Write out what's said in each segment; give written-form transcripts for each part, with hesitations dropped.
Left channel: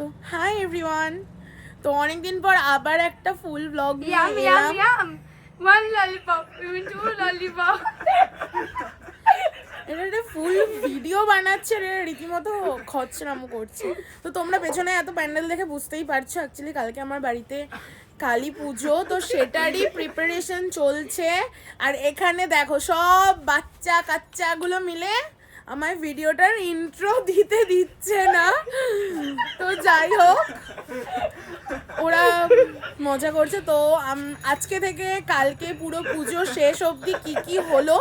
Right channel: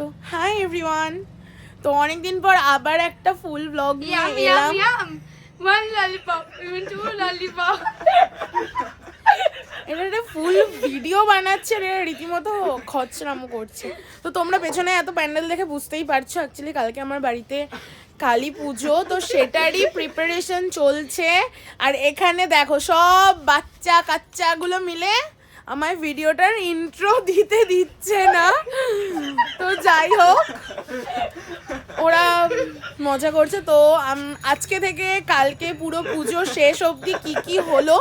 So hi everyone, তো অনেকদিন পর আবার একটা ফুল ব্লগ নিয়ে এলাম। One lollipop, even two lollipop. এটা একটা ফুল ভিডিও বানাচ্ছে, রীতিমতো খরচরামো করছে। তো তোমরা পেছনে এত প্যান্ডেল দেখে বুঝতেই পারছো, অ্যাকচুয়ালি কালকে আমার বাড়িতে কালী পুজো, তো সেটারই প্রিপারেশন চলছে। আর এখানে দেখো সব বাচ্চা কাচ্চাগুলো মিলে আমার ভিডিওটার ইন্ট্রো দিতে দিচ্ছে না। তো যাই হোক, ওরা মজা করছে। তো আজকে থেকে কালকে পুরো পুজো শেষ অবধি কি কি হলো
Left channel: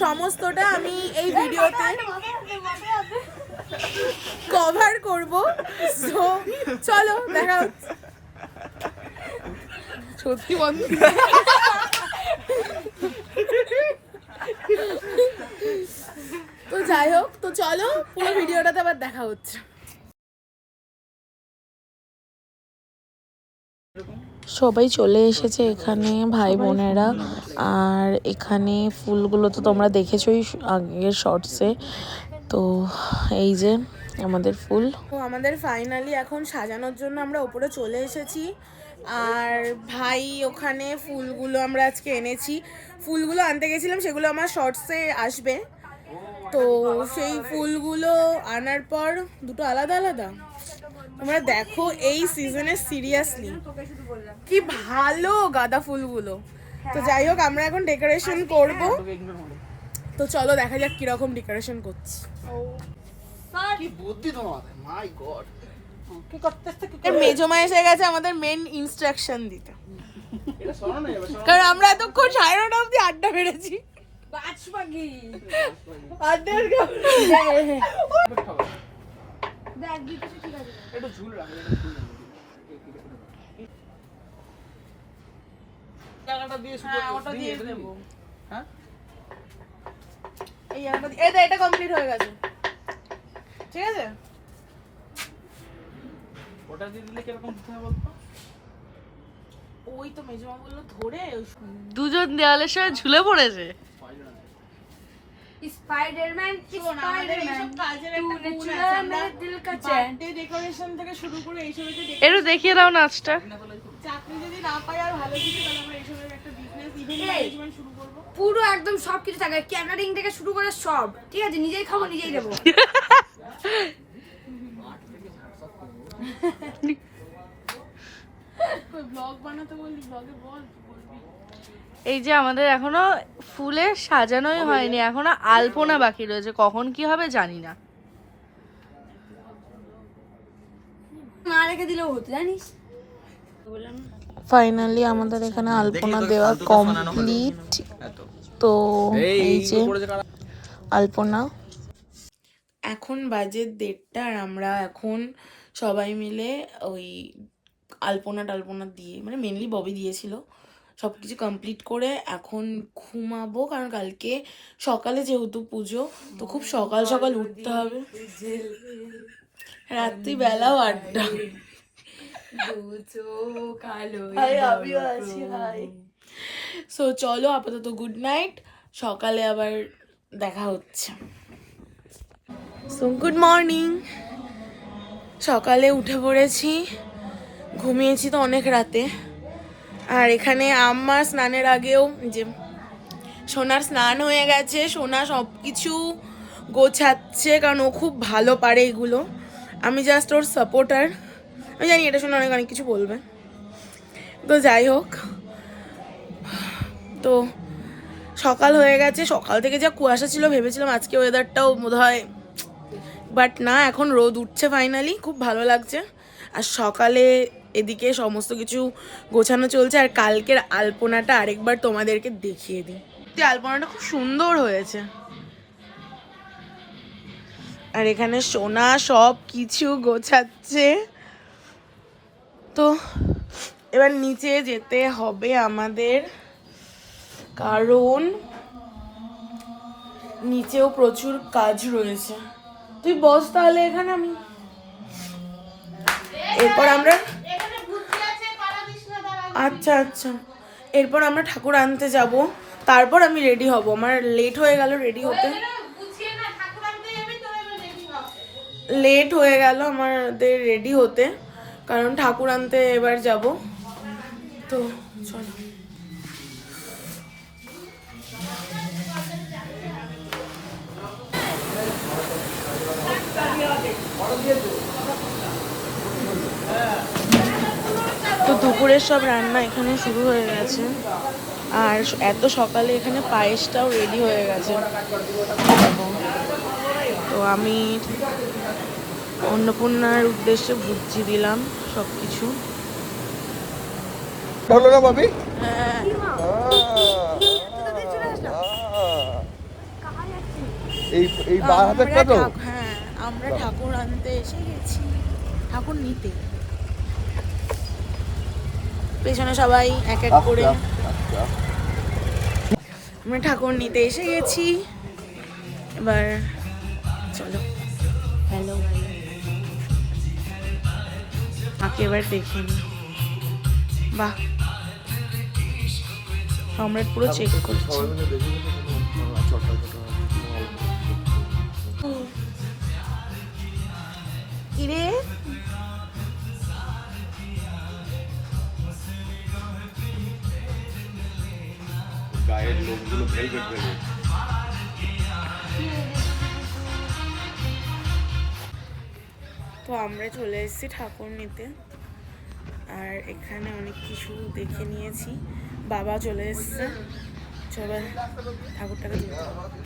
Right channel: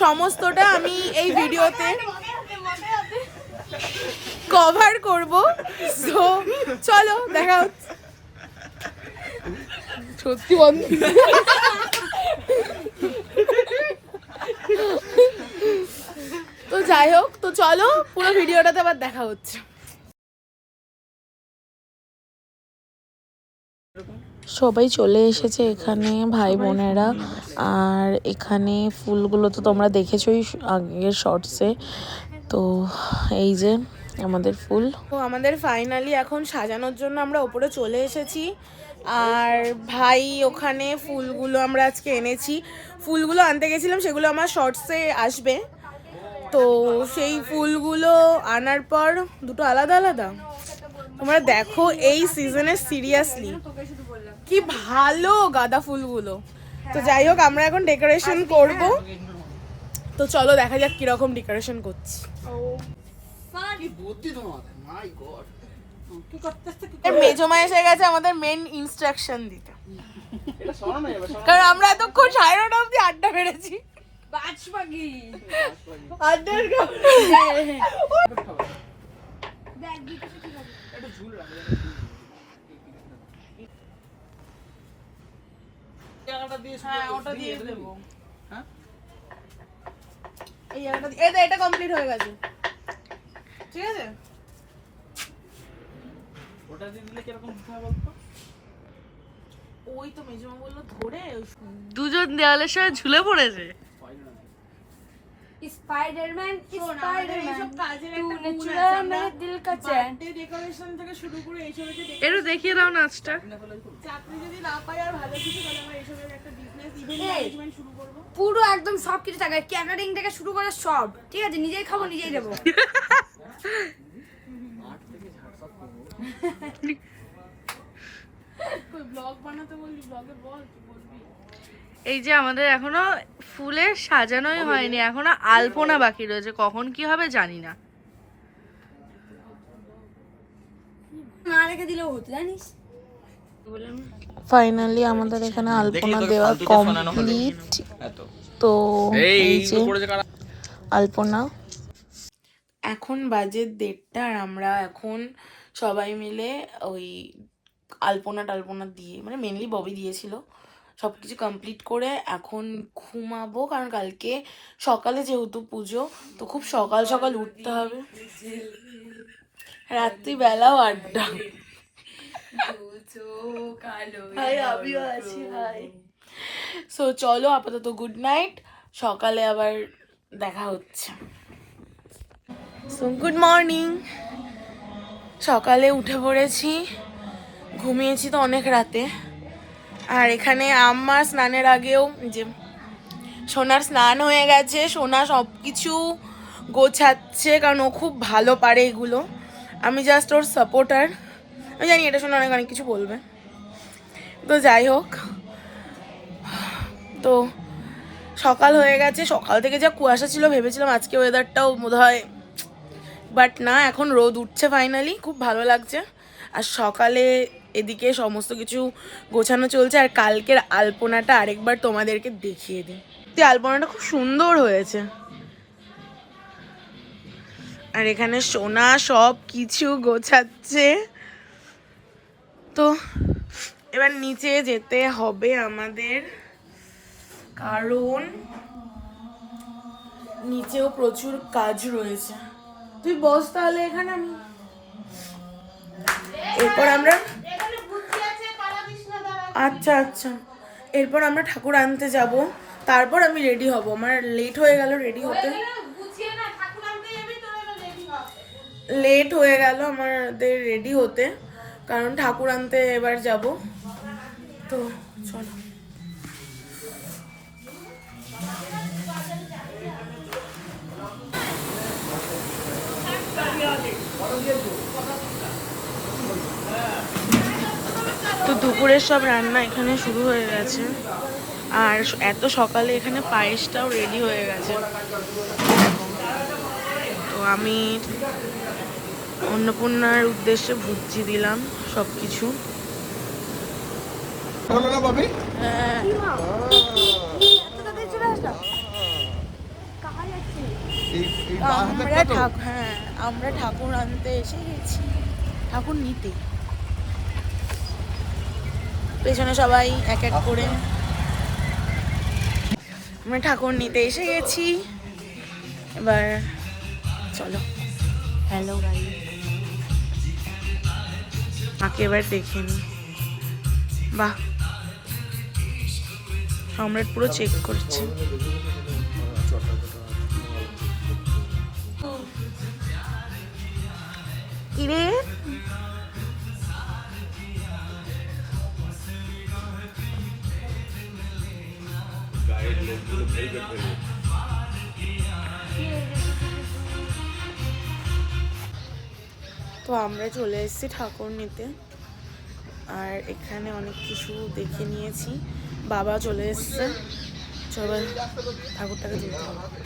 সমস্তটা আমি এই ভিডিওতে কভার করব। তো চলো দেখা হচ্ছে। সত্যি বন্ধ। তো যাই হোক, তো চলো পুরো ভিডিওটাতে আবার দেখা হচ্ছে। সবাই চলে এসেছে এখানে, ভাই বোনেরা। আর এখানে ফুলগুলো তো তোমরা দেখেছোই আগের শর্টসে। তো এই যে আমাদের ফুল, তো আমাদের ফাইনালি এখন সাজানোর জন্য আমরা ওপরে চলে এসেছি। আর ভাই ওখানে ফুলগুলো আমরা আজকে এনেছি, ফুলগুলো আনতে গেছিলাম, সেগুলো আমার শর্টসে আসবে। তো সেই ফুলগুলো আনার পর দুটো আলাদা আলাদা, তোমরা দেখো এই সিজনে সিরিয়াসলি কি ভালো গাঁদা ফুলগুলো। তো যাই হোক, আমরা এখন ডেকোরেশন করব। তো চলো দেখা যাক কিরকম ডেকোরেশন করছি। মেজমা এসে গেছে আমাদের মেন ইনস্ট্রাকশন দিতে, কারণ আমরা এতক্ষণ 9:30 অব্দি আড্ডা মেরেছি। এটা কমপ্লিট হয়ে গেছে, ঠিক আছে। ওটা দিয়ে দিলে কিরকম হয় বলতো? ওই তো মেজমা বললো ধরে দুজন দেওয়ালের সাথে ঝুলে পড়েছে। স্পাইডারম্যান এইসব কাজের একটা গুণ আছে। আমরা বার্থডে ডেকোরেশন থেকে শুরু করে এইসবের একটু দেখিয়ে দাও নাচটা। চাকরি যদি না পাই আর ভালো কিছু, তাহলে আমরা এইসবের একটা বিজনেস ইভেন্ট ম্যানেজমেন্ট শুরু করব। পুরো একদম সবকিছু থাকে, ক্যাটারিং থেকে শুরু করে সব, ঠিক আছে। নিজেই খাবো, নিজেই দেবো। ব্লগ বানাতে বললি, ব্লগে বল কি বলবি। এই যে আমাদের এখনো ফুলে সাজানোই হয়নি, এখনো আলপনা বাকি রয়েছে, কখন কি হবে জানি না। না রেখে দিলেও হতো, জানিস। ফাইনালি আমাদের এখানে আলপনা দেওয়া কমপ্লিট। তো এই যে আলপনা, এখন বাজে 1:30, আর আমরা এখন সবাই মিলে ওই আলপনা টালপনা দিয়ে, মানে মেনলি ববি দিয়েছিল, সব কিছু কমপ্লিট করে এখন ঘুমাবো। কারণ কালকে সকালে যেহেতু পুজো, তো খুব সকাল সকাল উঠতে হবে, রাত্রিবেলাও আড্ডা। আমিও আছি, হাই। সো চলো আপাতত গুড নাইট, সকালে আবার দেখা হচ্ছে। সো গুড মর্নিং, সকালে উঠে পড়েছি, ঘুমিয়েছি তো অনেক রাতে। আর এখানে আমার স্নানের আগেও যে সোনার স্নান হয়ে গেছে, সোনা সব কিছু গোছাচ্ছে, কারণ ও খুব ভালো পারে এগুলো, আমি জাস্ট ওর সাপোর্টার। আমি জানি এটা শুনে অনেক অনেক কিছু বলবে, তো যাই হোক। তো সকাল হয়ে গেছে, সকাল থেকে যা কুয়াশা ছিল, ভেবেছিলাম আজকে ওয়েদারটাও বোধ হয়, বাট না, এখন রোদ উঠছে ফাইনালি, খুব ভালো লাগছে। আর সকালে এদিকে সমস্ত কিছু গোছানো চলছে। আর কালকের আলপনাটা আরেকবার তোমাদেরকে দেখিয়ে দিই, আলপনাটা খুব সুন্দর হয়েছে। আর এখানে সোনা সব কিছু গোছাচ্ছে। তো এবার নিচে যেতে হবে আমাদের, কারণ নিচেও প্রচুর কাজ রয়েছে। তুই বস তাহলে এখানে, আমি এরপর আমরা, আচ্ছা আচ্ছা, এরপর আমরা ঠাকুর আনতে যাব, তারপর আমি রেডি হব। আমার লেট হয়ে গেল রেডি হতে। লেট হয়ে গেল আমাদের রেডি হতে, কারণ ঠাকুর আনতে এবার যাব। তো চলো। তো দুপুরের সব রান্না এখানে শুরু হয়ে গেছে, আর এত সকালে এখানে পায়েসটাও রেডি হয়ে গেছে দেখো। তো আমি অন্নপূর্ণার উদ্দেশ্যে ভুজি দিলাম সব কিছু। হ্যাঁ, আমরা ঠাকুর আনতে এসে গেছি, ঠাকুর নিতে। পেছনে সবাই এক এক করে আমরা ঠাকুর নিতে এসে গেছি। এবার চলো, হ্যালো, মাকে এবার দেখে নি। বাহ, সম্রাট পুরো চেক করছে। কিরে গায়ের লোকগুলো ভেলভেট ভেবে তো আমরা চলে এসেছি ঠাকুর নিতে, আর এখানে অনেক কিছু দেখে নিয়েছি। বাবা চলে এসছে, চলো ঠাকুরটাকে দিতে হবে।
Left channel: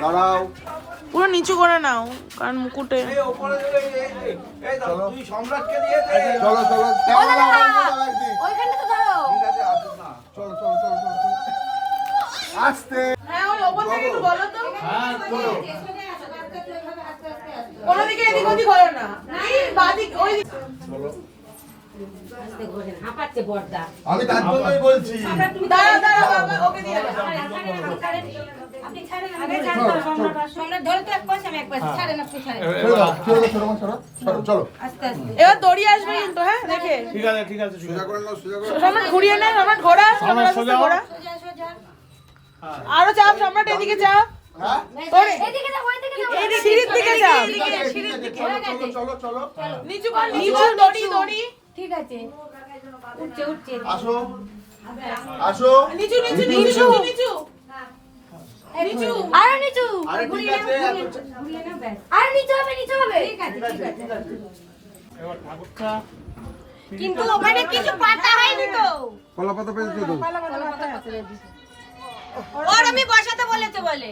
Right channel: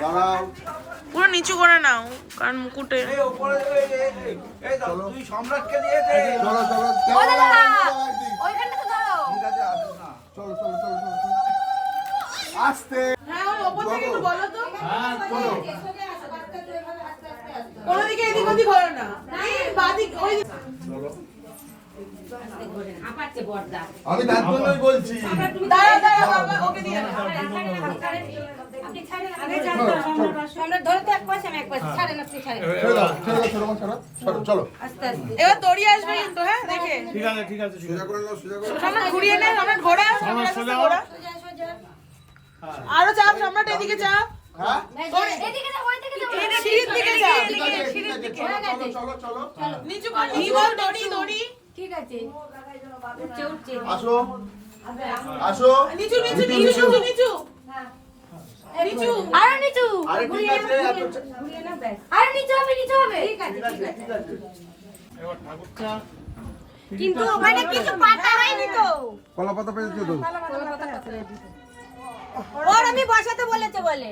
দাঁড়াও, পুরো নিচু করে নাও, কারণ মুকুটে। চলো চলো চলো চলো চলো চলো আস্তে। আমি তার জন্যই বলছি। চলো এবার দড়ি আসবে কিন্তু, হ্যাঁ দেখে। ঠিক আছে ঠিক আছে সোজা করে নাও, সোজা করে সম্রাট ঘুরিয়ে নেন, সম্রাট ঘোরা, সম্রাট সোজা হও। আরো চাপ, সম্রাট এদিকে চাপ। হ্যাঁ সিঁড়ির দিকে চাপ, ঠিক আছে ঠিক আছে, চলো চলো চলো চলো নিচু কর, নিচু কর, দড়ি দড়ি ঠিক আছে, উঠছে উঠছে। আসো আসো। নিচু নিচু নিচু নিচু নিচু নিচু। আরো নিচু, আরে ঠিক আছে, আরো নিচু হবে, নিচু হবে। ঠিক আছে ঠিক আছে। এবার ঠাকুরটা কিন্তু ওখানে কিছু পাতা হয়নি তো। কলা পাতা পেয়েছো তো? ওর আমি বসাতে বলেছে বলে।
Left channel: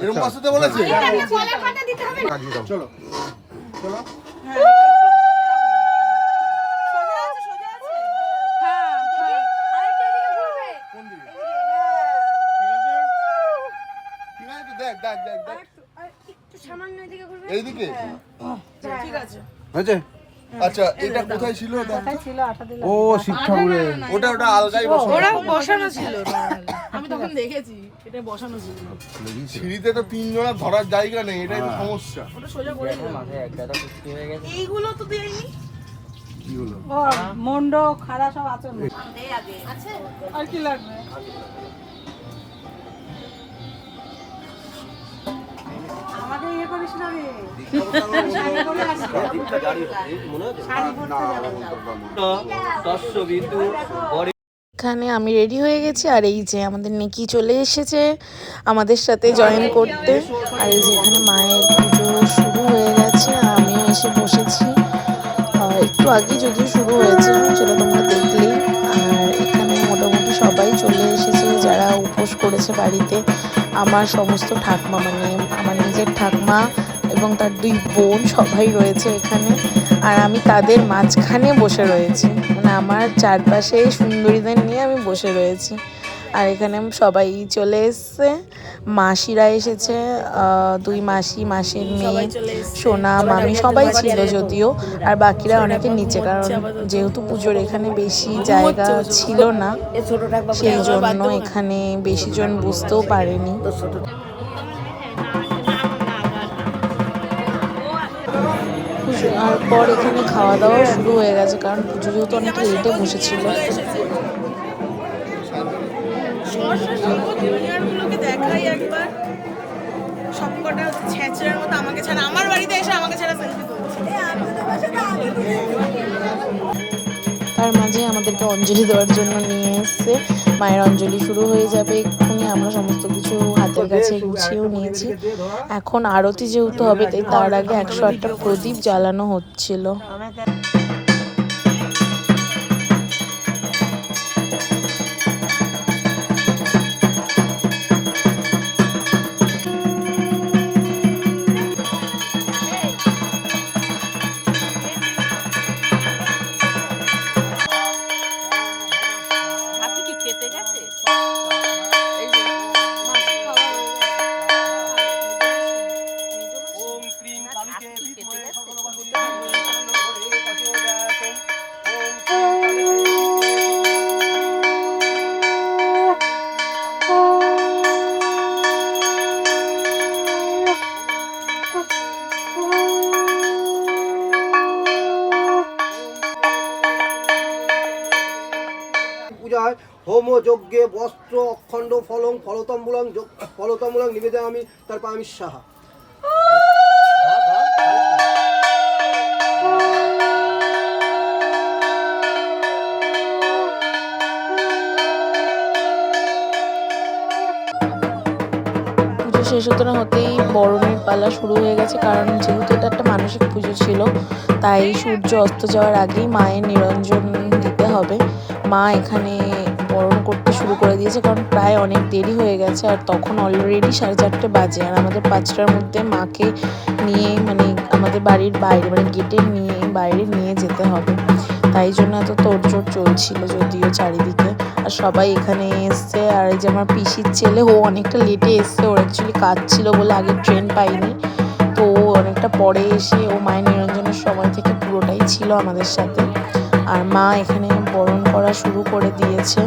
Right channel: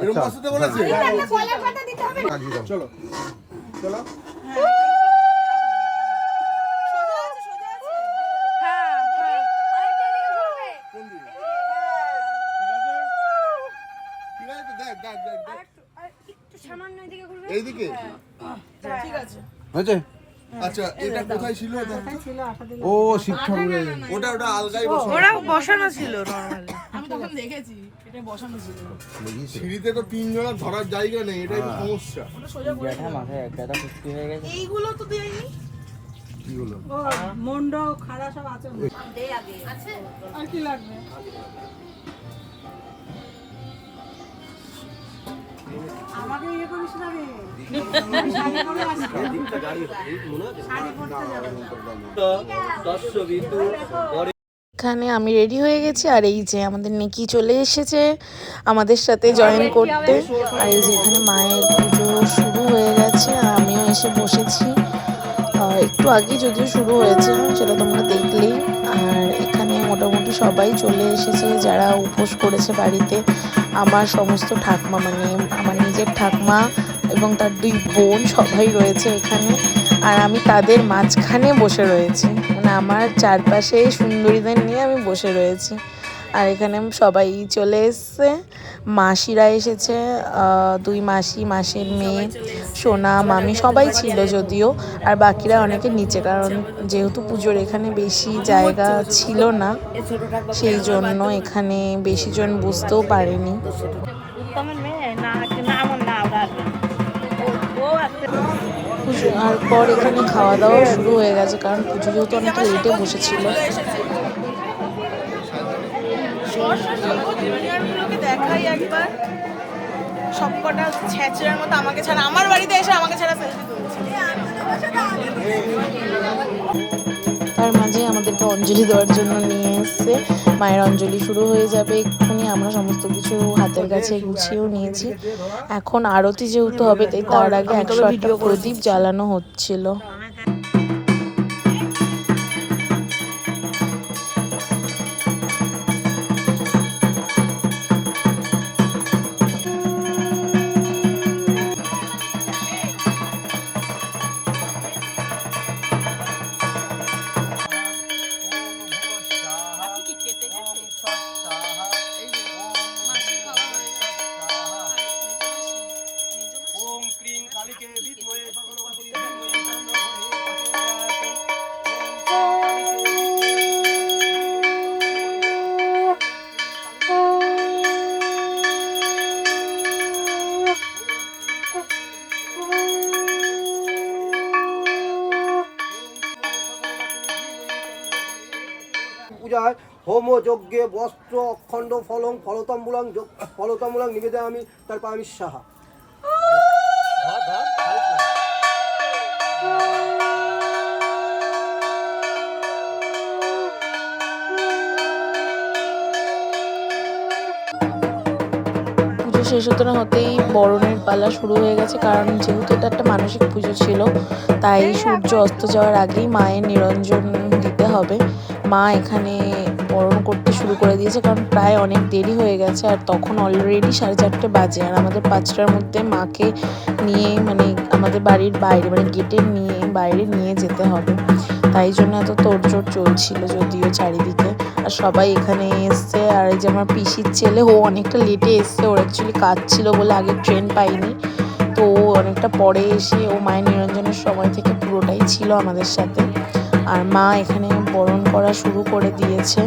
এরকম বসাতে বলেছে? একটা কলার পাতা দিতে হবে না। চলো চলো। সোজা আছে, সোজা আছে। হ্যাঁ হ্যাঁ, আরেকটা দিকে ঘুরবে। কোন দিকে? ঠিক আছে ঠিক আছে, দেখ দেখ দেখ দেখ একটু সামান্য এদিকে ঘুরবে। এইদিকে ঠিক আছে। হয়েছে? আচ্ছা, এটা কোথায় ছিল? ও শিব ঠাকুরের। ওটা ওটা আলগাই বসানো। ওরা বসানো ছিল নরমালি, আমি তখন দেখেছি এটা বসানো ছিল। সিঁড়িতে তো তিনজনের ধরার জায়গা নেই, এটাই তো সমস্যা। ওটা সোজা করে দিলাম। এইগুলো তো দেয়নি। কি হলো? মন্ড খাড়া সব আছে আর কি লাগবে? আমাকে ইয়ে করিস না রে, শাড়ি পরে আসবি। এখানে আমি রেডি হয়ে গেছি আর এই যে আমাদের নেকি চলে এসেছে আমাদের সাথে জয়েন করতে। আর এই যে এখানে মায়ের পুজো শুরু হয়ে গেছে আর আমিও এসে বসেছি। একটু আগে যদিও শুরু হয়েছে সেটা তোমরা দেখলেই। আর এখানে মোটামুটি সবাই চলে এসেছে যারা উপোস করেছে বাড়িতে। আমার সমস্ত ঠাকমা মানে আমার নিজের ঠাকমা এবং তার 2 বোন সবাই রয়েছে এখানে। আর আমি তাদের মাঝখানে বসে রয়েছি, মানে আমার চারপাশে সুন্দরীদের নিয়ে আমি বসে রয়েছি। আর এখানে সবাই চলে এসছে, মাসিরা এসেছে, 2 মাসি, মাসির মেয়ে, সোনা, মামি সবাই ছিল যদিও। আর বাকিরা অনেকে নিচে, কারণ যেহেতু পুজোর এখানে বেশি জায়গা ছিল না সেই জন্য এখানে বেশি জন বুঝতেও পারেনি। আর পর এখানে খাওয়া দাওয়াও শুরু হয়ে গেছে, কারণ পুজো যেহেতু অনেকটা লেটে বসেছিল। জুনিয়রগুলোকে দেখাই একবার, সবকটা ছেঁচড়ার মতো আমাকে ছাড়া, আমার বাড়িতে এসে আমাকে ছাড়া সেলফি তুলছে। তার মাঝে আমাদেরকে অঞ্জলি দেওয়ার জন্য নিয়ে এসছে। মায়ের অঞ্জলি শুরু হয়ে যাবে এক্ষুনি। আমরা সমস্ত কিছু হাতের কাছে গুছিয়েও নিয়েছি। এখন আরতি যেহেতু হবে তাই তার আগে 108টা প্রদীপ জ্বালানো হচ্ছিল। পূজায় হোম যজ্ঞে বস্ত্র অখণ্ড ফলং ফলতাম্বুলং নিবেদয়ামি তারপর আমি সাহা। পুজো শেষ হতে না হতেই বরণের পালা শুরু হয়ে গেছে, কারণ যেহেতু এটা একটা মানসিক পুজো ছিল তাই সূর্য অস্ত যাওয়ার আগেই মায়ের নিরঞ্জন দিতে হবে। মা এখানে বরণ করতে শুরু করে দিয়েছে, কারণ প্রায় অনেক দেরি হয়ে গেছে আর তখন অলরেডি 4:30 বাজে। আর আমাদের 5টার মধ্যে মাকে নিয়ে মানে আমাদের বাড়ির বাইরে মানে গেটের বাইরে নিয়ে যেতে হবে, তাই জন্য এত তোড়জোড় চলছিল যদিও চারিদিকে। আর সবাই এখানে এসছে। আর এই যে আমার পিসির ছেলে, ও অনেকটা লেটে এসছে, ওর অ্যাকচুয়ালি কাজ ছিল বলে আগে ট্রেন পাইনি, তো ও অনেকটা পরে এসে ও মায়ের নিরঞ্জনের সময় থেকে পুরোটাই ছিল আমাদের সাথে। আর মা এখানে বরণ করা শুরু করে দিয়েছে।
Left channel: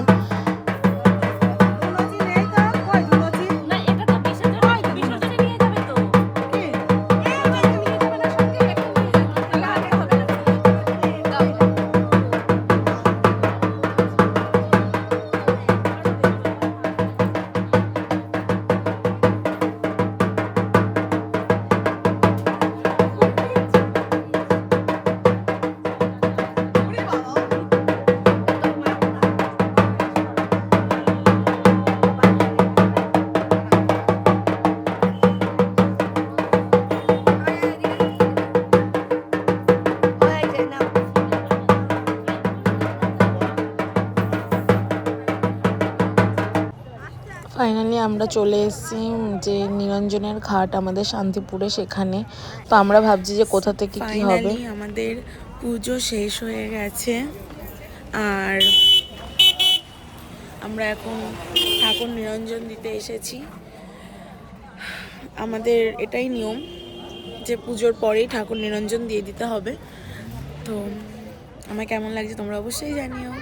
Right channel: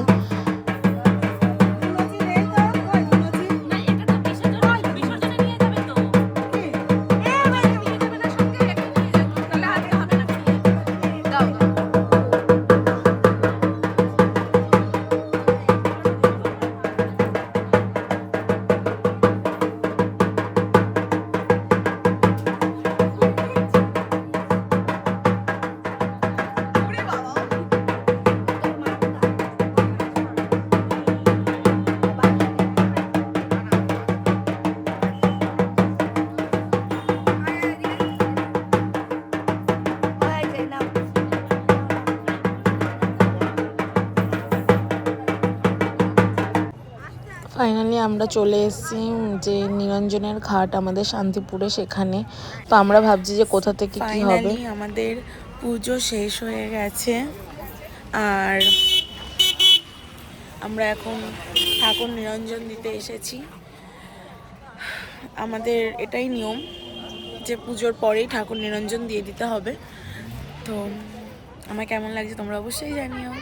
ফাইনালি আমরা চলে এসেছি যে নিরঞ্জনের ঘাট আমাদের শান্তিপুরে, সেখানে। তো আমরা ভাবছি যে কোথা থেকে কি হবে। আমাদের পুজো শেষ হয়ে গেছে আর আমরা এখন ঠাকুর নিরঞ্জন দিতে এসেছি। আমাদের এটাই নিয়ম যে পুজোর পরেই ঠাকুর নিরঞ্জন দিয়ে দিতে হবে। তো আমার কেমন লাগছে তোমরা অবশ্যই জানিও।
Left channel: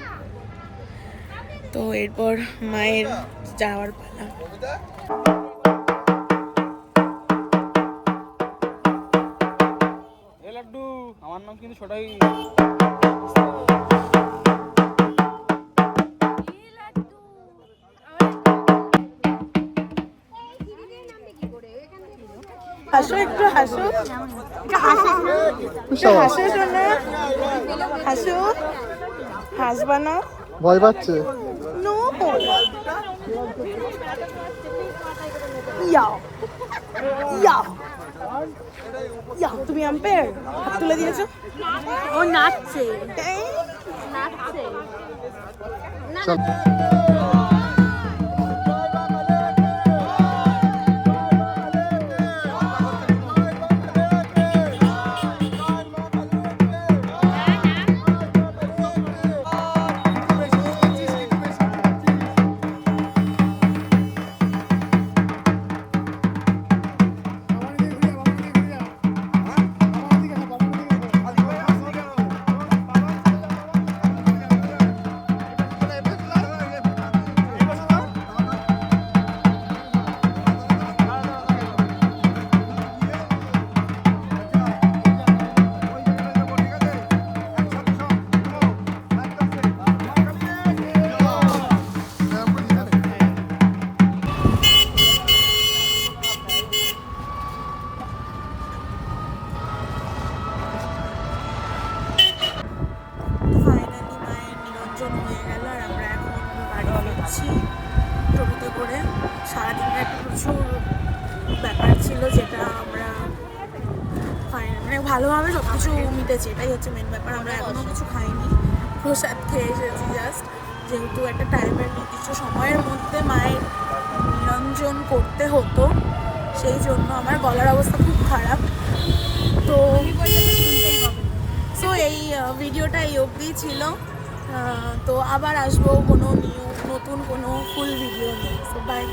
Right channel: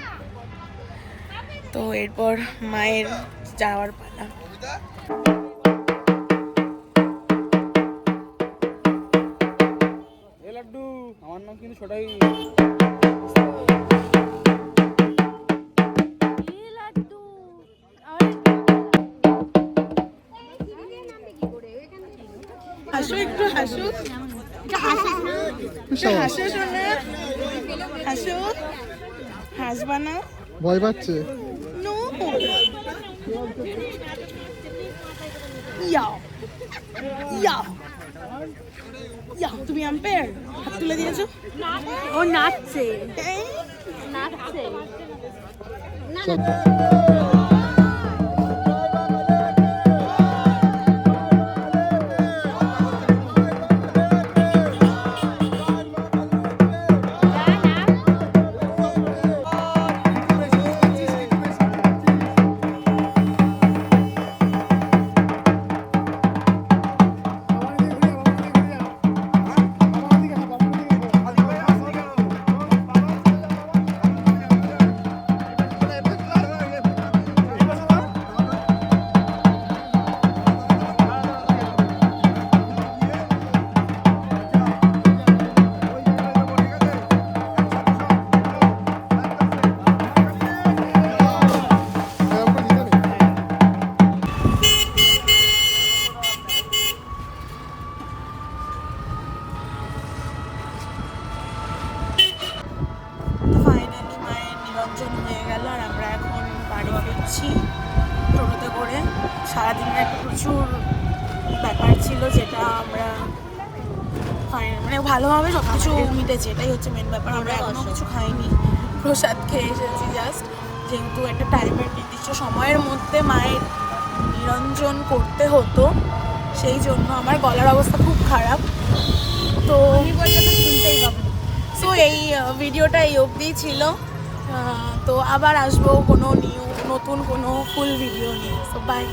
তো এরপর মায়ের যাওয়ার পালা। লাড্ডু আমার নাম কিন্তু ছোটাই। হাসো একটু হাসো, হাসো শোনা, হাসো, হাসবা না, ভয় পাচ্ছে। নো ইয়াও ইয়াও ইয়াও। তুমি আম্পায়ার হাত তুলে দিয়েছো, ও নাচছে। ফাইনালি মায়ের নিরঞ্জন হয়ে গেল আর আমরা এখন বাড়ি ফিরছি টোটোতে করে। সারাদিনের একটা প্রচুর ব্যাপার ছিল যেটা আমরা মানে ভালোভাবে সব কিছু মিটেছে, এটাই হচ্ছে মেন ব্যাপার। আমরা এখনও কিছু খাইনি, প্রসাদ খেয়ে এসেছি জাস্ট, যেহেতু একটা টাইমের নির্দিষ্ট সময়ের মধ্যে মায়ের নিরঞ্জন করতে হতো, সেই জন্য আমার গলার অবস্থা খুব খারাপ। তো সো এই ভিডিওটা এই অবধিই ছিল। তো আবার আসবো কোনো নতুন কোনো ফুল ভিডিও নিয়ে। তো বাই।